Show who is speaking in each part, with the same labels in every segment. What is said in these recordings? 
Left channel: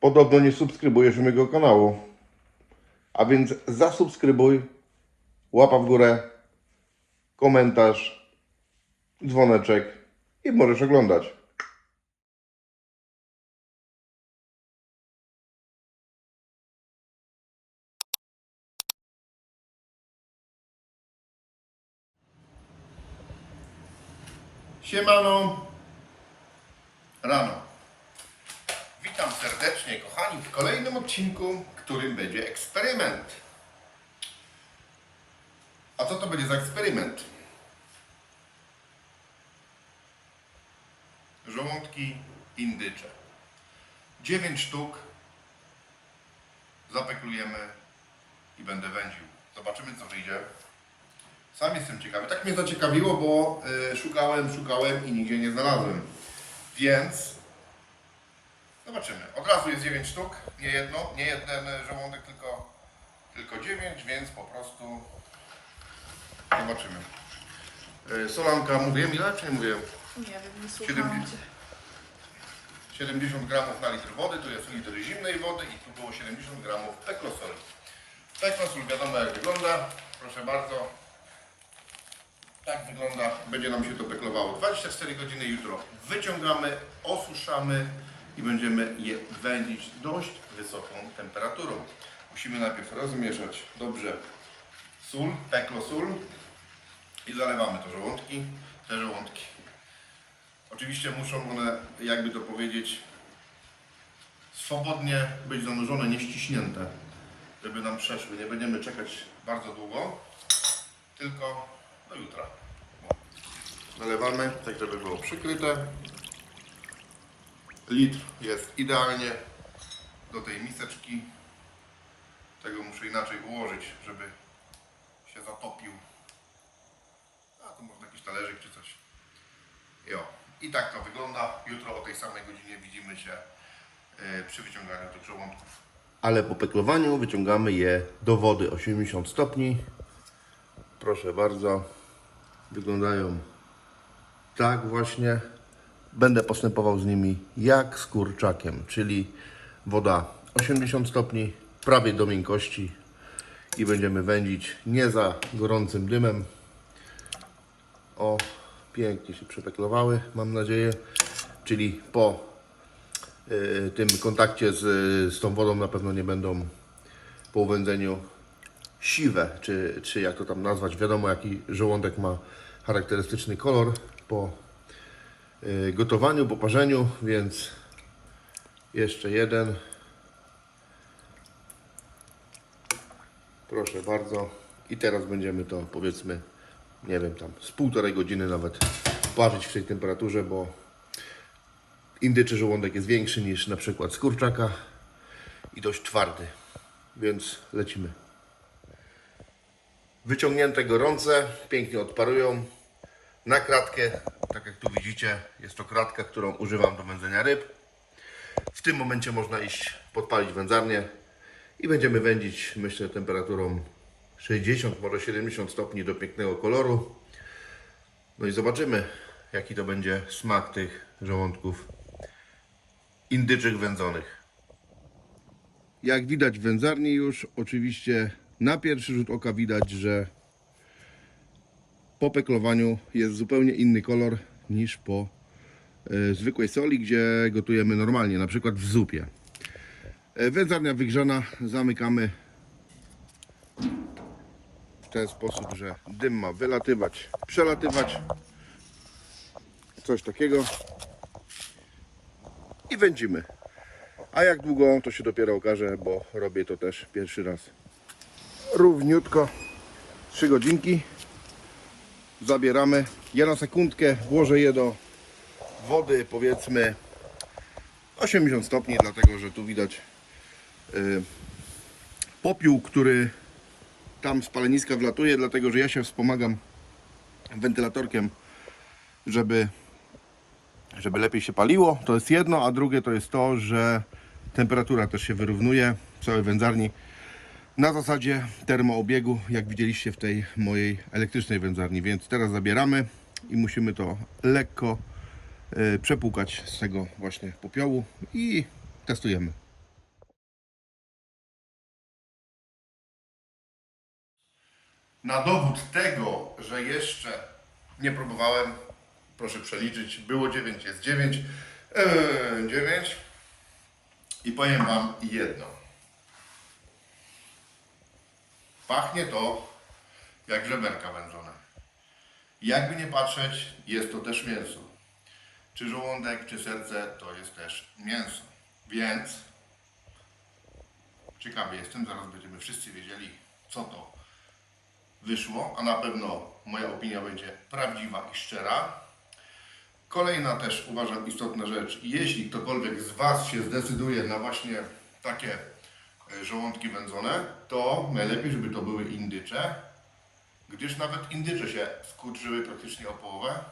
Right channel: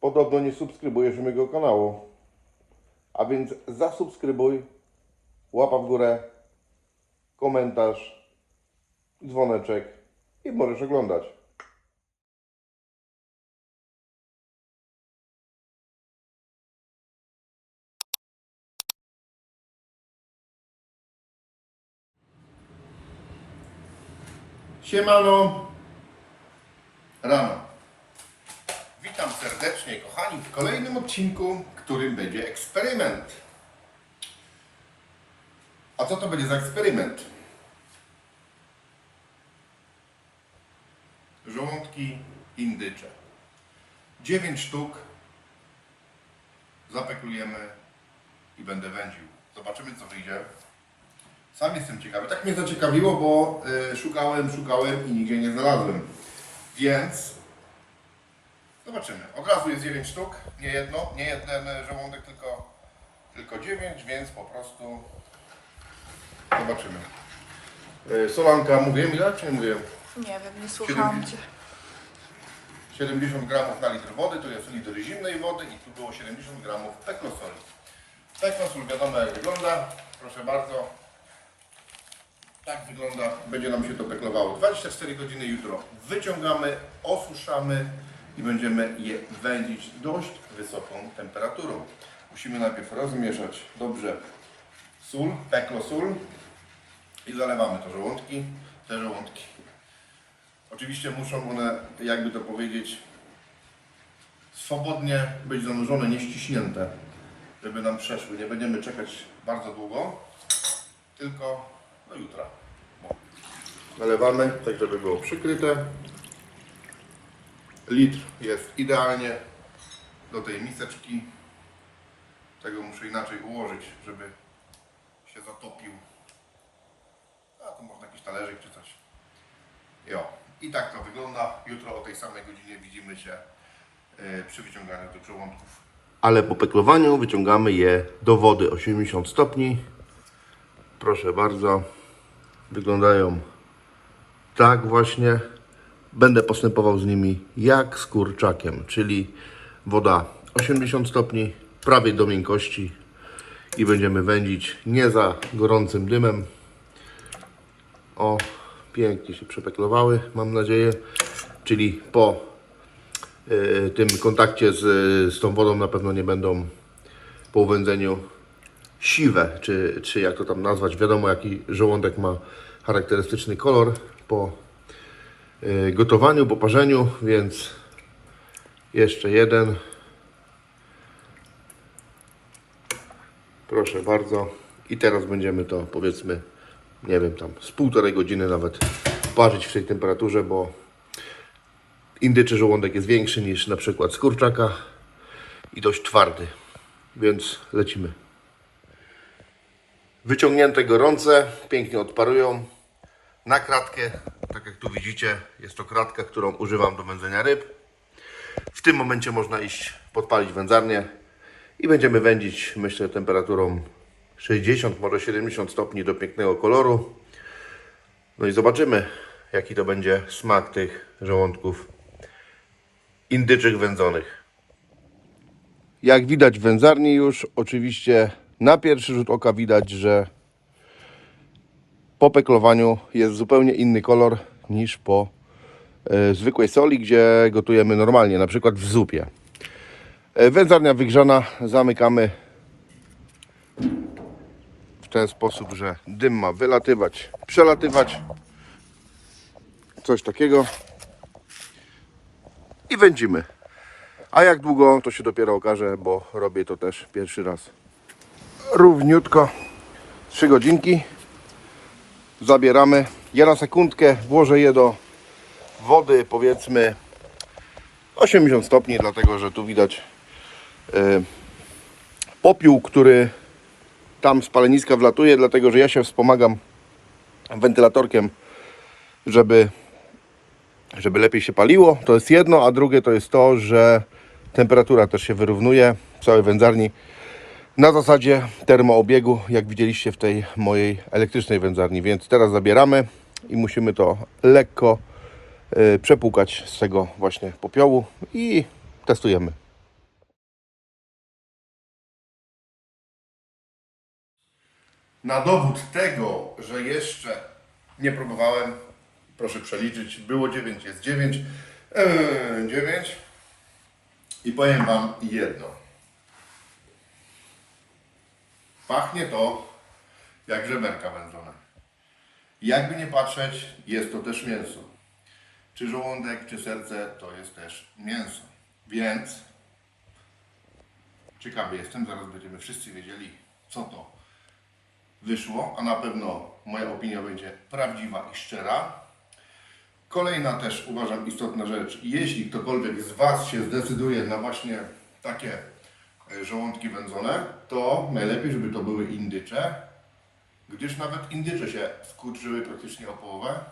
Speaker 1: Podobno nie subskrybujesz mojego kanału. A więc zasubskrybuj, łapa w górę, komentarz, dzwoneczek i możesz oglądać. Siemano. Rano. Witam serdecznie, kochani, w kolejnym odcinku, którym będzie eksperyment. A co to będzie za eksperyment? Żołądki indycze. 9 sztuk. Zapeklujemy i będę wędził. Zobaczymy, co wyjdzie. Sam jestem ciekawy. Tak mnie zaciekawiło, bo y, szukałem, szukałem i nigdzie nie znalazłem. Więc zobaczymy. Od razu jest 9 sztuk, nie jedno, nie jeden e, żołądek, tylko, tylko 9, więc po prostu zobaczymy. Y, solanka, mówię ile czy nie mówię?
Speaker 2: Nie wiem, nie słuchałam cię.
Speaker 1: 70 gramów na litr wody, to jest litr zimnej wody i tu było 70 gramów peklosoli. Peklosol wiadomo jak wygląda, proszę bardzo. Tak wygląda, będzie nam się to peklowało. 24 godziny jutro wyciągamy, osuszamy i będziemy je wędzić dość wysoką temperaturą. Musimy najpierw rozmieszać dobrze sól, peklosól i zalewamy to żołądki, te żołądki. Oczywiście muszą one, jakby to powiedzieć, swobodnie być zanurzone, nie ściśnięte, żeby nam przeszły. Nie będziemy czekać bardzo długo, tylko do jutra. Nalewamy, tak żeby było przykryte. Litr jest idealnie do tej miseczki. Tego muszę inaczej ułożyć, żeby się zatopił. A tu można jakiś talerzyk czy coś. Jo. I tak to wygląda. Jutro o tej samej godzinie widzimy się e, przy wyciąganiu tych żołądków. Ale po peklowaniu wyciągamy je do wody 80 stopni. Proszę bardzo. Wyglądają tak właśnie. Będę postępował z nimi jak z kurczakiem, czyli woda 80 stopni, prawie do miękkości i będziemy wędzić nie za gorącym dymem, o, pięknie się przepeklowały, mam nadzieję. Czyli po y, tym kontakcie z, z tą wodą na pewno nie będą po uwędzeniu siwe, czy, czy jak to tam nazwać. Wiadomo, jaki żołądek ma charakterystyczny kolor po gotowaniu, po parzeniu, więc jeszcze jeden. Proszę bardzo. I teraz będziemy to powiedzmy, nie wiem, tam z półtorej godziny nawet parzyć w tej temperaturze, bo indyczy żołądek jest większy niż na przykład z kurczaka i dość twardy. Więc lecimy. Wyciągnięte gorące, pięknie odparują. Na kratkę, widzicie, jest to kratka, którą używam do wędzenia ryb. W tym momencie można iść podpalić wędzarnię i będziemy wędzić, myślę, temperaturą 60, może 70 stopni do pięknego koloru. No i zobaczymy, jaki to będzie smak tych żołądków indyczych wędzonych. Jak widać w wędzarni już, oczywiście na pierwszy rzut oka widać, że po peklowaniu jest zupełnie inny kolor niż po e, zwykłej soli, gdzie gotujemy normalnie, na przykład w zupie. E, Wędzarnia wygrzana, zamykamy w ten sposób, że dym ma wylatywać, przelatywać. Coś takiego. I wędzimy. A jak długo, to się dopiero okaże, bo robię to też pierwszy raz. Równiutko 3 godzinki. Zabieramy. Ja na sekundkę włożę je do wody, powiedzmy 80 stopni, dlatego że tu widać y, popiół, który tam z paleniska wlatuje, dlatego że ja się wspomagam wentylatorkiem, żeby, żeby lepiej się paliło. To jest jedno, a drugie to jest to, że temperatura też się wyrównuje w całej wędzarni na zasadzie termoobiegu, jak widzieliście w tej mojej elektrycznej wędzarni. Więc teraz zabieramy i musimy to lekko y, przepłukać z tego właśnie popiołu i testujemy. Na dowód tego, że jeszcze nie próbowałem, proszę przeliczyć, było 9, jest 9, yy, 9 i powiem Wam jedno Pachnie to jak żeberka wędzone. Jakby nie patrzeć, jest to też mięso. Czy żołądek, czy serce to jest też mięso. Więc ciekawy jestem, zaraz będziemy wszyscy wiedzieli, co to wyszło, a na pewno moja opinia będzie prawdziwa i szczera. Kolejna też uważam istotna rzecz, jeśli ktokolwiek z Was się zdecyduje na właśnie takie żołądki wędzone, to najlepiej, żeby to były indycze, gdyż nawet indycze się skurczyły praktycznie o połowę,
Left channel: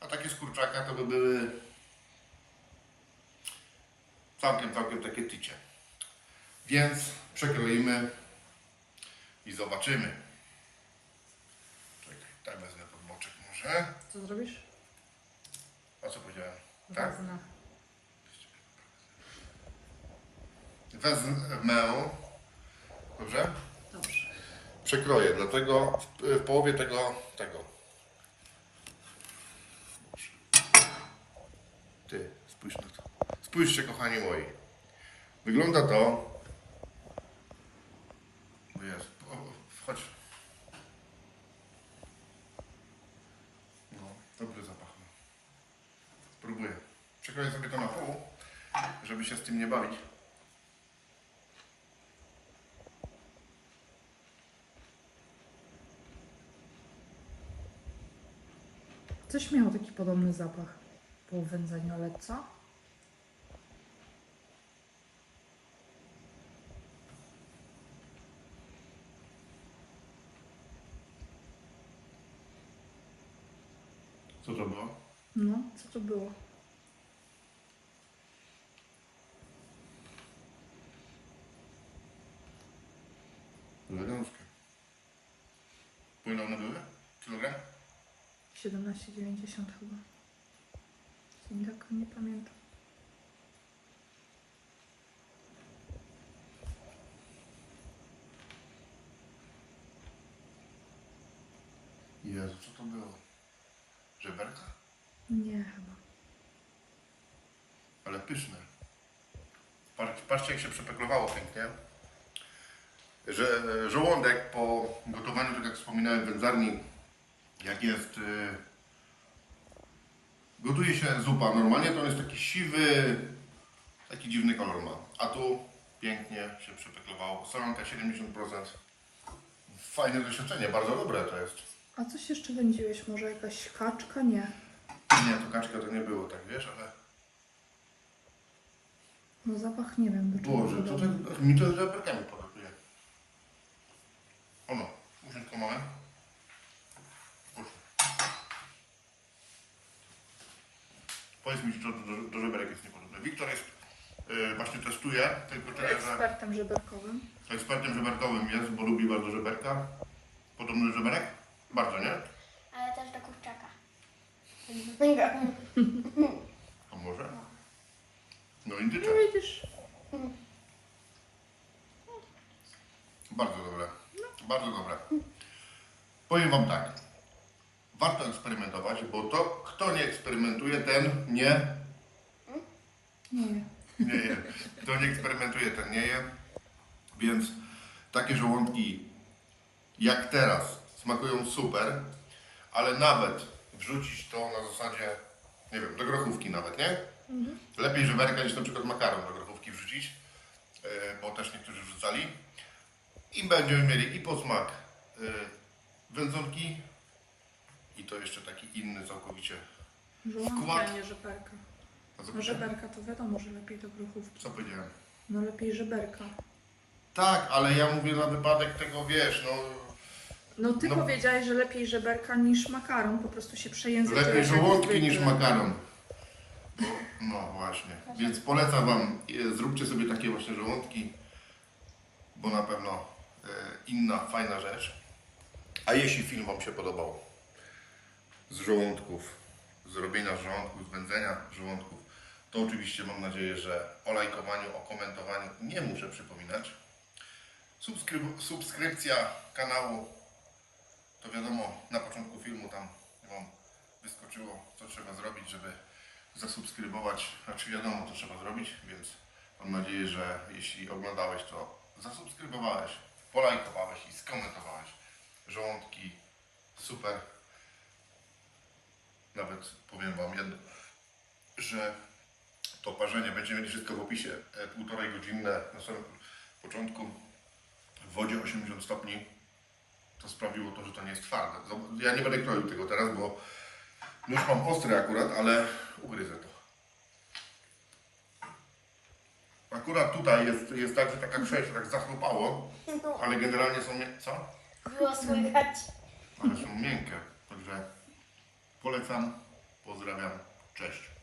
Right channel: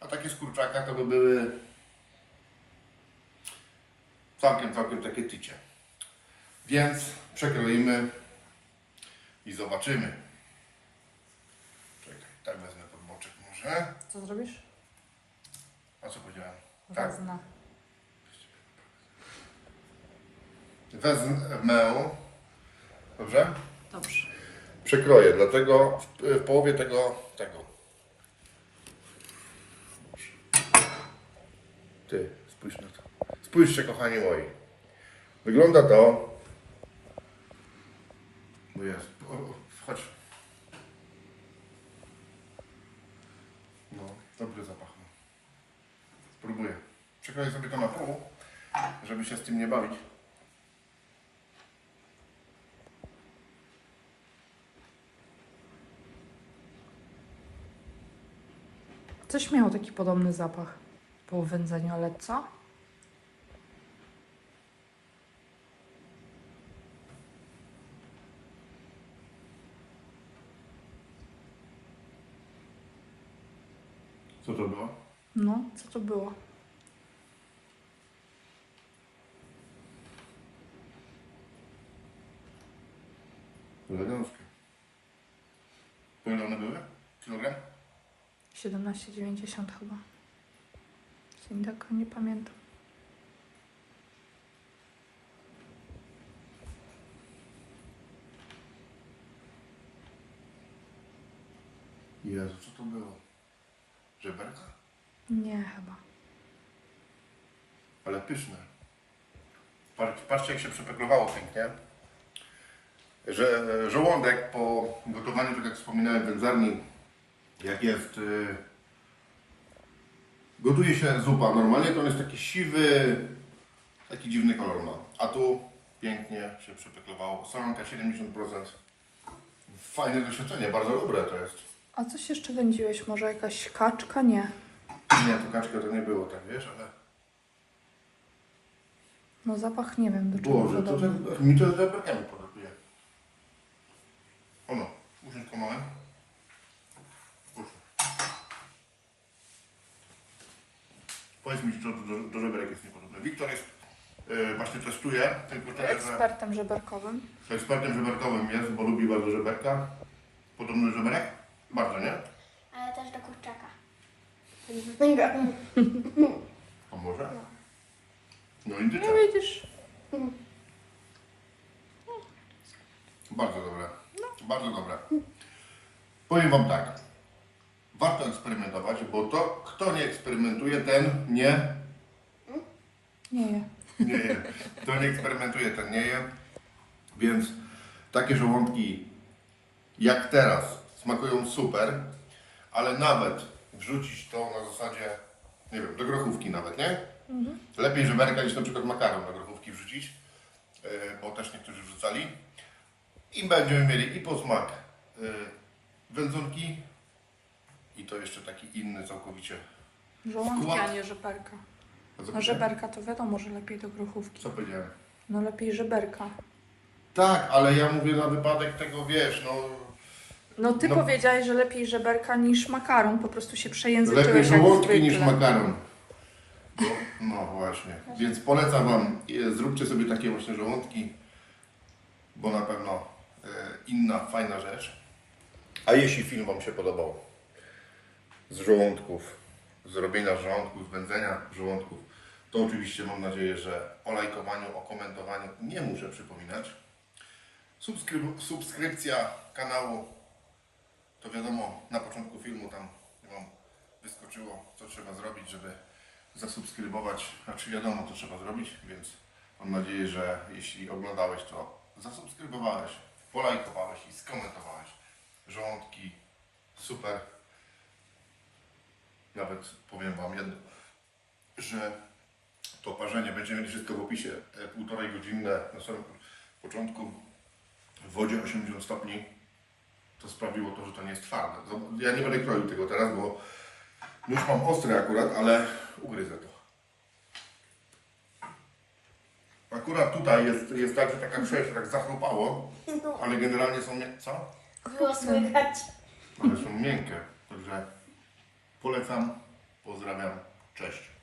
Speaker 1: a takie z kurczaka to by były całkiem, całkiem takie tycie. Więc przekroimy i zobaczymy. Czekaj, tak wezmę pod boczek może.
Speaker 2: Co zrobisz?
Speaker 1: A co powiedziałem? Tak.
Speaker 2: Wezmę.
Speaker 1: Dobrze?
Speaker 2: Dobrze.
Speaker 1: Przekroję, dlatego w, w połowie tego, tego. Ty, spójrz na to. Spójrzcie, kochani moi. Wygląda to. Bo jest. Chodź. No, dobry zapach. ma. Spróbuję. Przekroję sobie to na pół, żeby się z tym nie bawić.
Speaker 2: Coś miało taki podobny zapach po wędzeniu, ale co?
Speaker 1: Co to było?
Speaker 2: No, co to było?
Speaker 1: Eleganckie. Po ile one były? Kilogram?
Speaker 2: 17,90 chyba. Jeśli tak nie pamiętam.
Speaker 1: Jezu, co to było? Żeberka?
Speaker 2: Nie chyba.
Speaker 1: Ale pyszne. Patrz- Patrzcie, jak się przepeklowało pięknie. Że żołądek po gotowaniu, tak jak wspominałem wędzarni, jak jest... y, Gotuje się zupa normalnie, to on jest taki siwy, taki dziwny kolor ma. A tu pięknie się przepeklowało. Solonka 70%. Fajne doświadczenie, bardzo dobre to jest.
Speaker 2: A coś jeszcze wędziłeś? Może jakaś kaczka? Nie.
Speaker 1: Nie, to kaczka to nie było, tak wiesz, ale...
Speaker 2: No zapach nie wiem do czego.
Speaker 1: Boże, to tak, mi to z żeberkami podlatuje. Ono, usiądź małe. Proszę. Powiedz mi, czy to do, do żeberek jest niepodobne. Wiktor jest, e, właśnie testuje, tylko tyle, że
Speaker 2: Ekspertem żeberkowym.
Speaker 1: ekspertem żeberkowym jest, bo lubi bardzo żeberka. Podobny do żeberek? Bardzo, nie?
Speaker 3: Ale też do kurczaka.
Speaker 1: A może? No indyczek.
Speaker 2: No widzisz.
Speaker 1: Bardzo dobre. Bardzo dobre. Powiem Wam tak. Warto eksperymentować, bo to, kto nie eksperymentuje, ten nie,
Speaker 2: Nie je.
Speaker 1: Nie je. Kto nie eksperymentuje, ten nie je. Więc takie żołądki jak teraz smakują super, ale nawet wrzucić to na zasadzie, nie wiem, do grochówki nawet, nie? Lepiej żeberka niż na przykład makaron do grochówki wrzucić, yy, bo też niektórzy wrzucali. I będziemy mieli i posmak yy, wędzonki i to jeszcze taki inny całkowicie.
Speaker 2: Żołądki,
Speaker 1: Skład.
Speaker 2: a nie żeberka. No żeberka to wiadomo, że lepiej do grochówki.
Speaker 1: Co powiedziałem?
Speaker 2: No lepiej żeberka.
Speaker 1: Tak, ale ja mówię na wypadek tego, wiesz, no
Speaker 2: No ty
Speaker 1: No.
Speaker 2: powiedziałeś, że lepiej żeberka niż makaron, po prostu się przejęzyczyłeś
Speaker 1: Lepiej
Speaker 2: jak
Speaker 1: żołądki
Speaker 2: zwykle.
Speaker 1: niż makaron. No, no właśnie. Więc polecam Wam, e, zróbcie sobie takie właśnie żołądki, bo na pewno e, inna, fajna rzecz. A jeśli film Wam się podobał z żołądków, z robienia żołądków, wędzenia żołądków, to oczywiście mam nadzieję, że o lajkowaniu, o komentowaniu nie muszę przypominać. Subskryb- subskrypcja kanału to wiadomo, na początku filmu tam wam wyskoczyło, co trzeba zrobić, żeby zasubskrybować, a czy wiadomo, co trzeba zrobić, więc mam nadzieję, że jeśli oglądałeś, to zasubskrybowałeś, polajkowałeś i skomentowałeś. Żołądki, super. Nawet powiem Wam jedno, że to parzenie będziemy mieli wszystko w opisie. E, Półtorej godzinne na samym początku w wodzie 80 stopni. To sprawiło to, że to nie jest twarde. Ja nie będę kroił tego teraz, bo nóż mam ostry akurat, ale ugryzę to. Akurat tutaj jest, jest tak, że taka przejście tak zachrupało, ale generalnie są nie... Co?
Speaker 3: Było słychać.
Speaker 1: Ale są miękkie. Także polecam, pozdrawiam, cześć.